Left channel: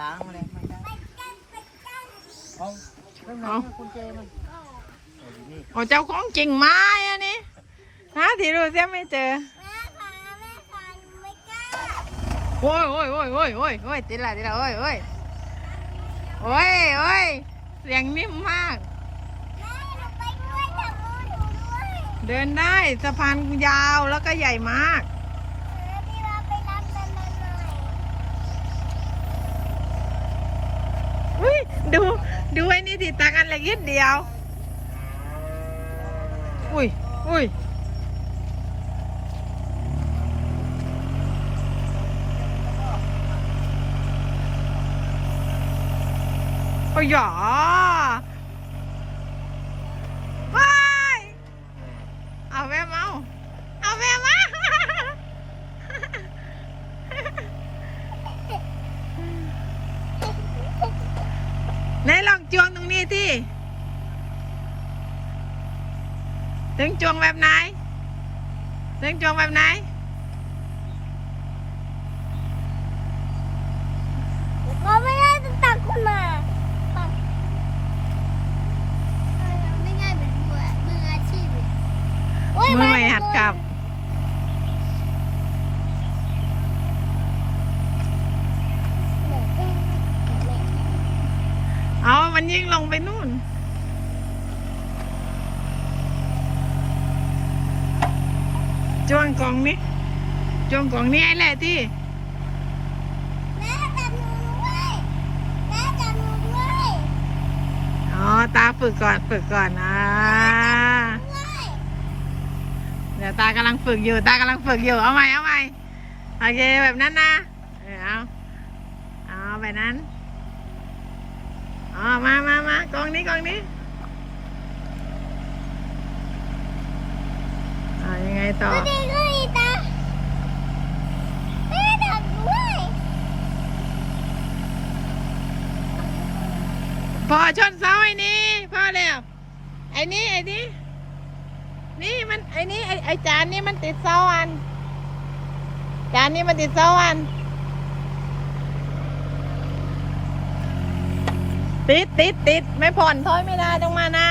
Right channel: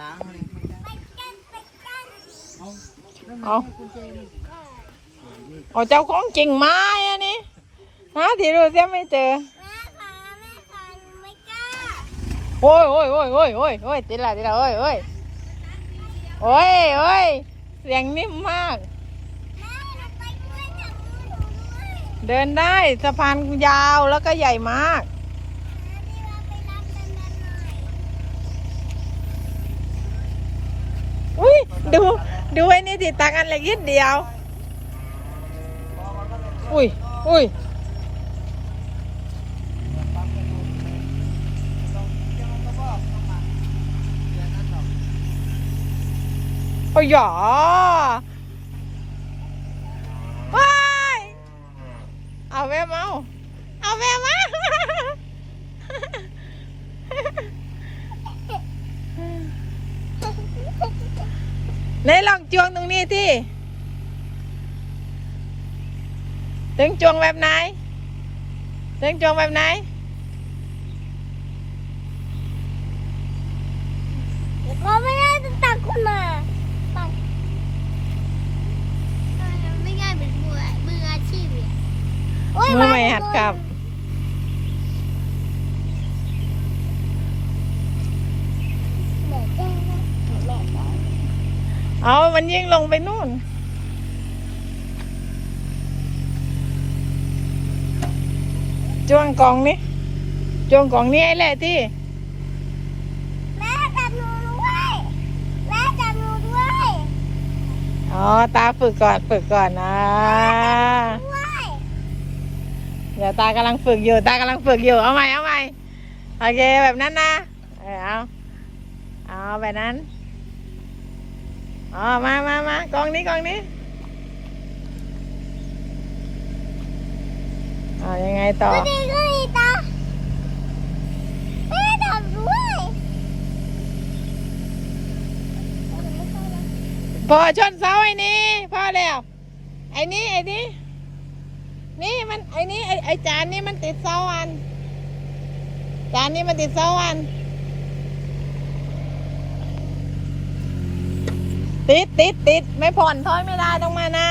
ล้างมาเลยเอาไม่มาเอาเจมันโอ้ยนี่โอ้เจ้าของจริงม้อันนี้หาที่ดูเสียไม่เจอแม่ค่ะแม่ค่ะหนูไม่กล้าโอ้ยโอ้ยโอ้ยโอ้ยโอ้ยโอ้ยติดละติดละโอ้ยโอ้ยโอ้ยโอ้ยเสียงนิ่มมาก เดินได้สะพานยาวแล้วก็ใหญ่มาก เออพี่ว่าไปรับแม่แม่หน่อย อุ้ย ดูดูไอ้นี่ติดตักอันเล็กนิดเดียว อุ้ยอุ้ยโอ้ยหยอว้ายเอาแวมเอาเอาแวมมา ไหนลองจวงตรงนี้ที่ถึงจวงแบบไหนถึงจวงแบบไหนเราไม่ได้จะตักคุณอะไม่ง่ายเป็นมือมืออาชีพเลยโยมือไม่หัดกับ เอามันยิ่งลงไปนู่นจวงกล่องนี้จวงกล่องนี้ไอ้แหละที่แม่จับหนูด้วยแม่จับหนูด้วยอ๋อ ตาฝึกก่อน ฝึกก่อนนะ ด้วยเดี๋ยวตากำลังฝึกอยู่ ตากำลังฝึกอยู่ เอาใหม่ เอาใหม่ โอเค แบบนั้นนะ เออเอา เอาแบบนั้น อ๋อมามามากองนี้กองนี้เอายังไงต่อดีก็ดีตาแม่จับด้วยพอชนเสาไอ้นี่พอแล้ว ไอ้นี่ไอ้นี่นี่มันไอ้นี่ไอ้ไอ้จานนี่มันติดเสาอัน จานนี่มันติดเสาอัน ติดติดติดไม่ผ่อนถอยไม่ได้ต้องมานะ